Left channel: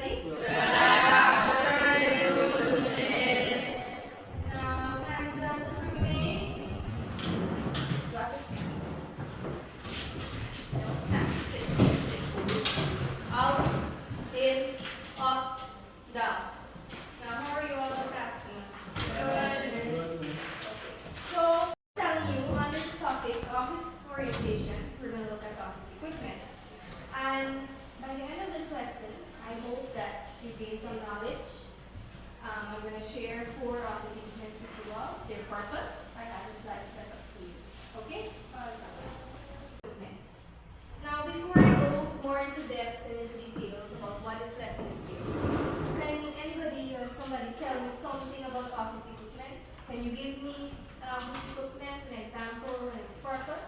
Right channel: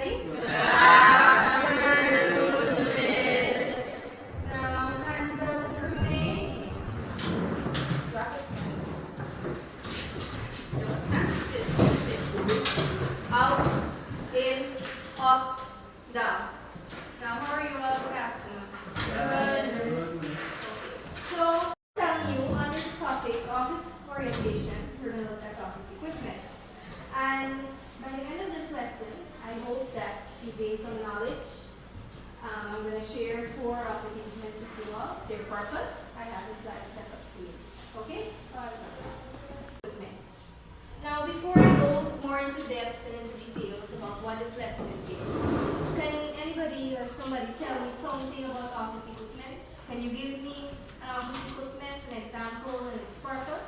everybody? Good afternoon, Miss. Hands up for me. Don't stand. Sit. Out, in, up, down. Now, how are you all this afternoon? Good. So, telling you under the topic office orientation, we're going to look at office equipment. And by the end of this lesson, I hope that you gain some knowledge. I'm going to share 4 office equipment with you all, their purpose. I have this slide set up for you. Okay? Equipment. Now, before I go more into depth and into details about what this lesson entails, can anybody or somebody tell me something about office equipment? Can you give me an office equipment, an example, and its purpose?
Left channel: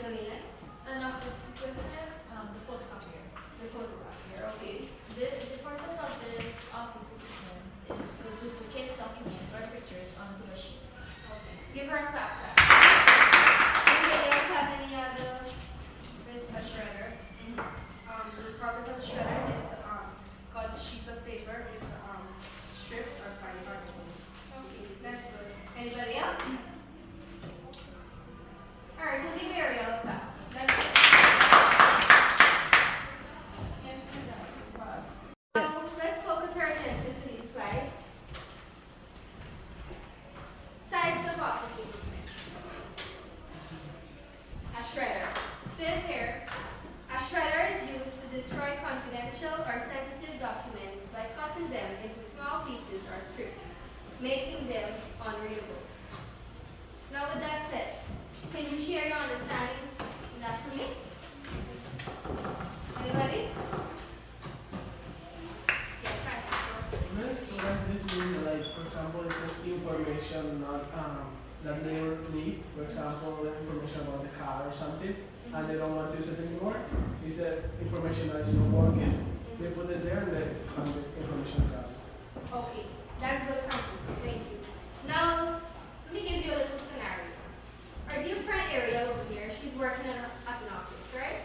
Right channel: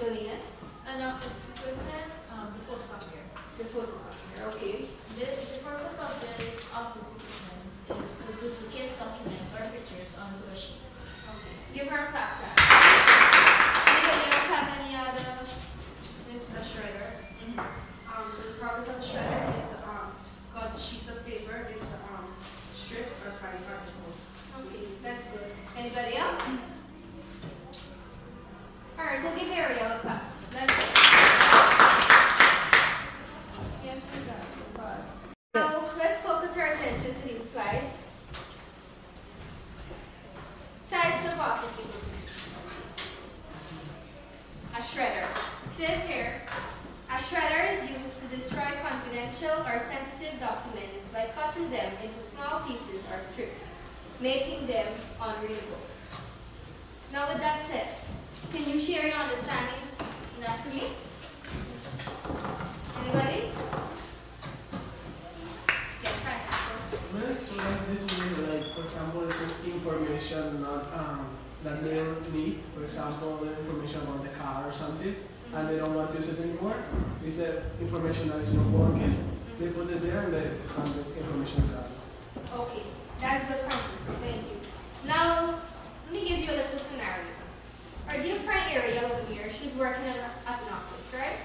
Jolina? An office equipment, the photocopier. The photocopier, okay. The purpose of this office equipment is to duplicate documents or pictures onto a sheet. Okay. Give her a clap. Anybody else have any other? This is a shredder. The purpose of a shredder is to cut sheets of paper into strips or particles. Okay, that's good. Anybody else? Alright, we'll give Ariel a clap. That's it. Yes, exactly. Pause. Now, let's focus our attention to these slides. Types of office equipment. A shredder. It says here, a shredder is used to destroy confidential or sensitive documents by cutting them into small pieces or strips, making them unreadable. Now with that said, can you share your understanding in that for me? Anybody? Yes, Francisco. Miss, what this mean, like, for example, some information that they don't need, for example, the information about the car or something, and they don't want to use it anymore. It's information that is not working. They put it there and the information is gone. Okay, that's good, Francisco. Thank you. Now, let me give you a little scenario. Our dear friend Ariel over here, she's working at an office, right?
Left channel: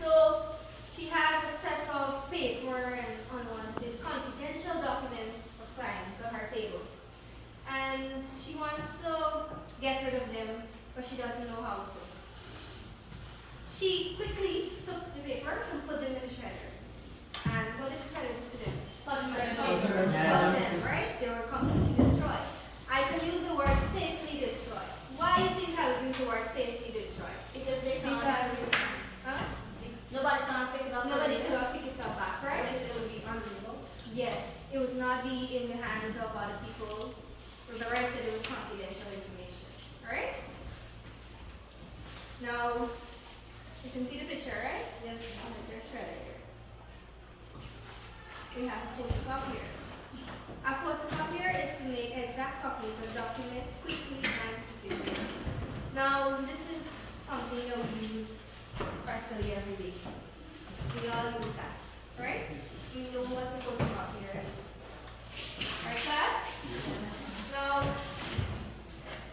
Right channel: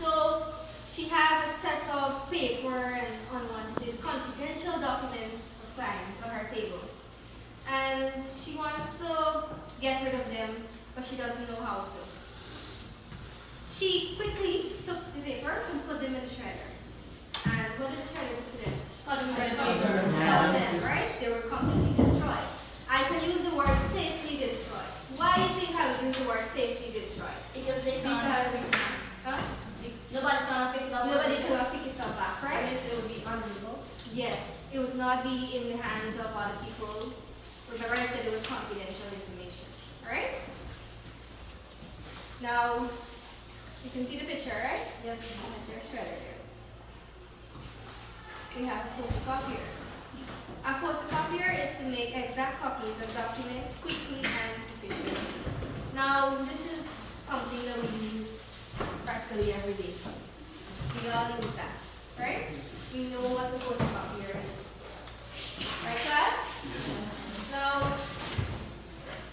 So she has a set of paper and unwanted confidential documents of clients on her table. And she wants to get rid of them, but she doesn't know how to. She quickly took the papers and put them in the shredder. And what did the shredder do to them? Cut them, right? They were completely destroyed. I can use the word safely destroy. Why do you think I would use the word safely destroy? Because they can't. Huh? Nobody can pick it up. Nobody cannot pick it up back, right? It would be unreadable. Yes, it would not be in the hands of other people. Remember I said it was confidential information. Alright? Now, you can see the picture, right? Yes. That's our shredder here. We have a photocopier. A photocopier is to make exact copies of documents quickly and efficiently. Now, this is something that we use practically every day. We all use that, right? We know what a photocopier is. Right, class? Now,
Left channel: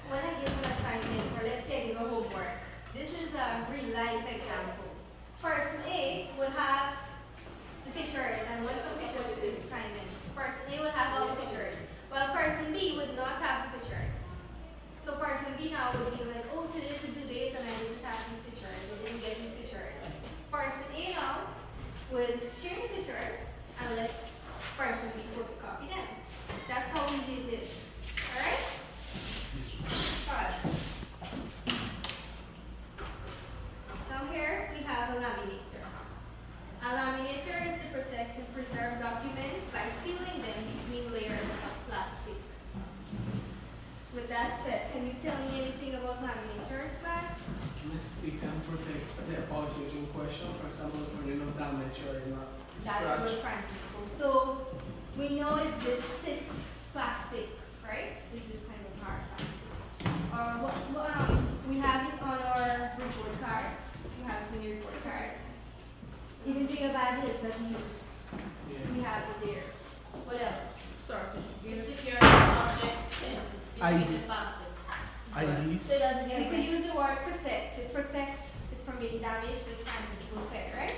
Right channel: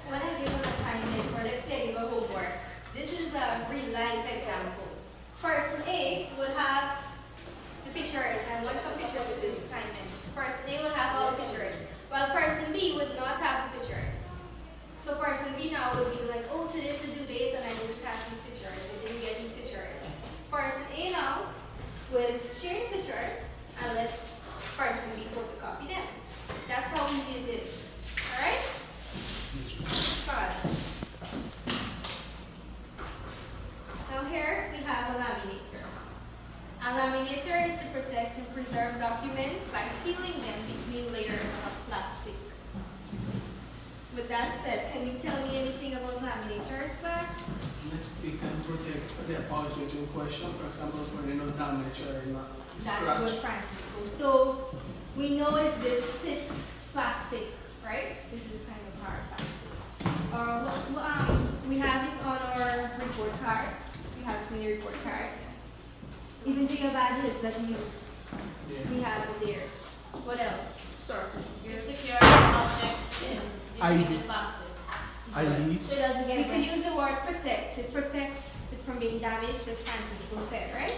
when I give an assignment, or let's say I give a homework, this is a real life example. Person A would have the pictures and want some pictures of this assignment. Person A would have all the pictures, while person B would not have the pictures. So person B now would be like, oh, today's a due date and I didn't have these pictures, I didn't get these pictures. Person A now would share the pictures and let person B photocopy them. That's how easy it is. Alright? Pause. Now here we have a laminator. A laminator is to protect and preserve documents by sealing them between layers of plastic. With that said, can you tell me anything about laminators, class? Miss, it can protect the object in question, for example, for no damage or not That's scratch. good, Francisco. So we know it's this thick plastic, right? This is kind of hard plastic. We have it on our report cards. We have it in the report cards. Even to your badges that you use. Yeah. We have it there. What else? You secure objects in between the plastics. IDs. So it doesn't get We could wet. use the word protect. It protects it from being damaged, as Francisco said, right?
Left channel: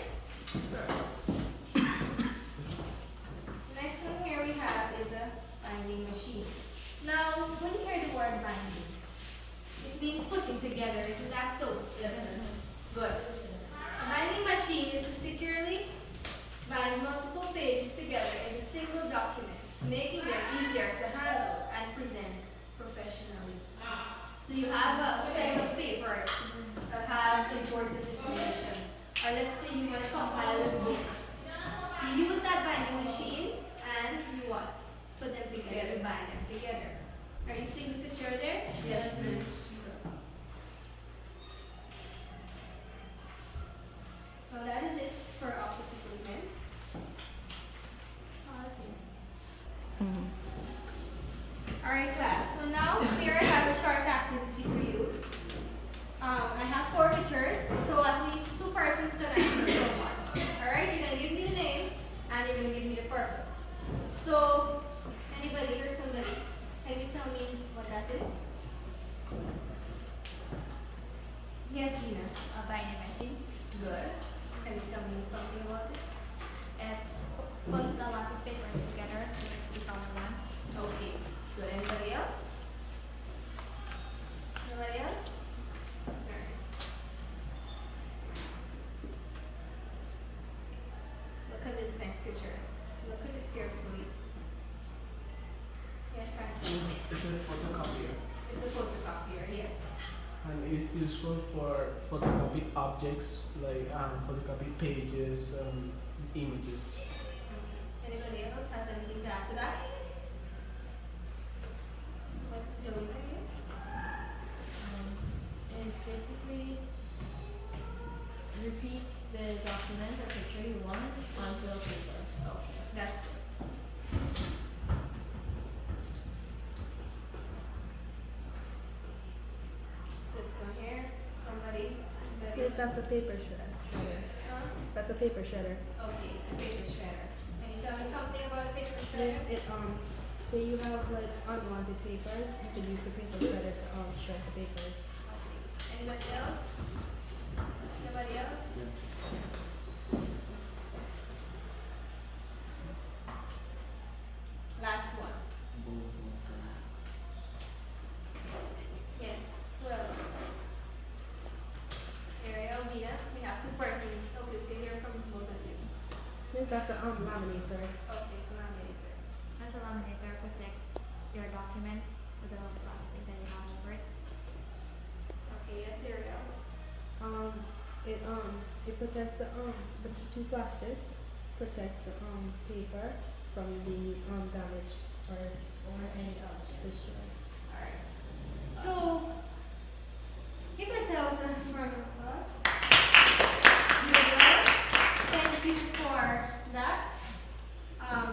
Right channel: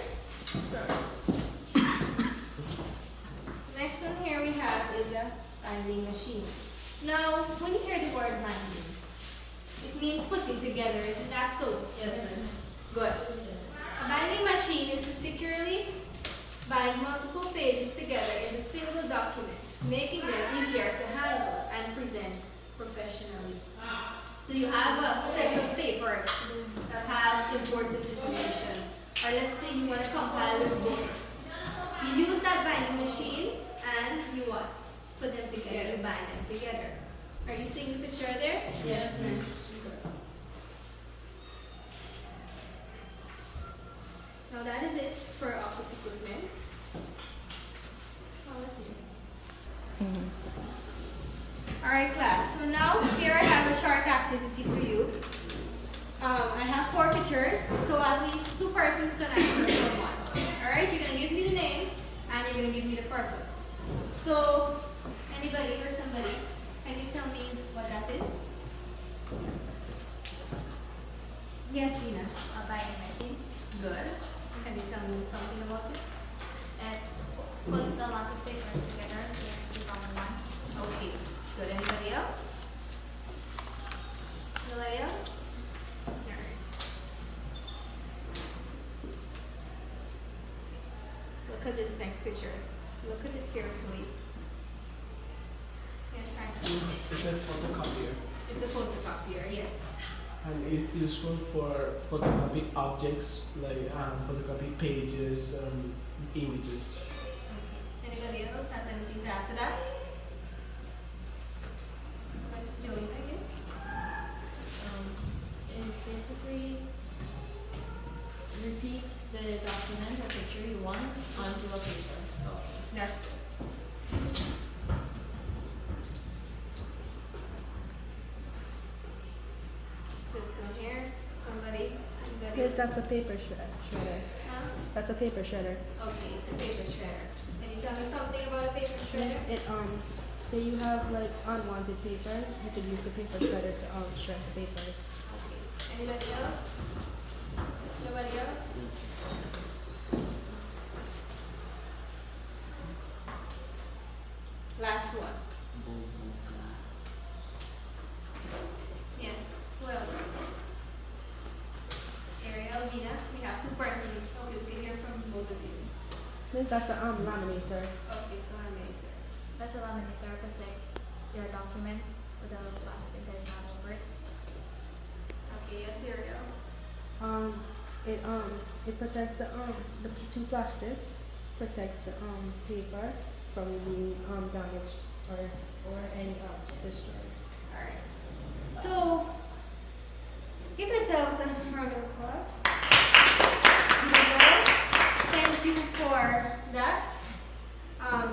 binding machine. Now, when you hear the word binding, it means putting together, isn't that so? Yes, ma'am. Good. A binding machine is to securely bind multiple pages together in a single document, making them easier to handle and present professionally. So you have a set of papers that has important information. Or let's say you want to compile this book. You use that binding machine and you what? Put them together, you bind them together. Are you seeing the picture there? Yes, ma'am. Now that is it for office equipments. Alright class, so now here I have a short activity for you. I have 4 pictures, so at least 2 persons can answer for one. Alright, you're going to give me the name and you're going to give me the purpose. So, anybody or somebody, can you tell me what that is? Yes, Vina. A binding machine. Good. Can you tell me something about it? It puts a lot of papers together to become one. Okay, good. Anybody else? Nobody else? Alright. Look at this next picture. Look at it carefully. Yes, Francis. It's a photocopier It's a photocopier, yes. and it's useful for photocopy objects like photocopy pages, images. Okay. Anybody else has anything to add to that? What do you think? It basically repeats the document or picture you want onto a paper. Okay, that's good. This one here, somebody? Anybody? Yes, that's a paper shredder. Huh? That's a paper shredder. Okay, it's a paper shredder. Can you tell me something about a paper shredder? Yes, it say you have like unwanted papers, you could use the paper shredder to shred the papers. Okay. Anybody else? Nobody else? Last one. Yes. Who else? Ariel, Mina. We have 2 persons. Okay, we can hear from both of you. Yes, that's a laminator. Okay, so I'm later. Plus a laminator protects your documents with a plastic that you have over it. Okay, yes, Ariel. It protects the 2 plastics, protects the paper from being damaged or any destroyed. Alright. So, give yourselves a round of applause. Very well. Thank you for that. How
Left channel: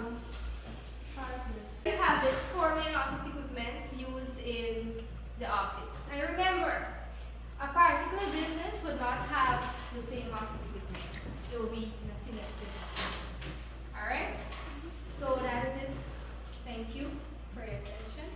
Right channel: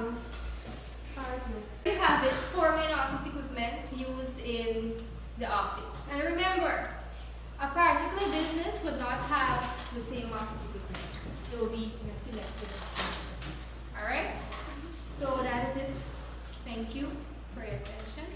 is this? You have it, 4 main office equipments used in the office. And remember, a particular business would not have the same office equipments. It will be in a selected manner. Alright? So that is it. Thank you for your attention.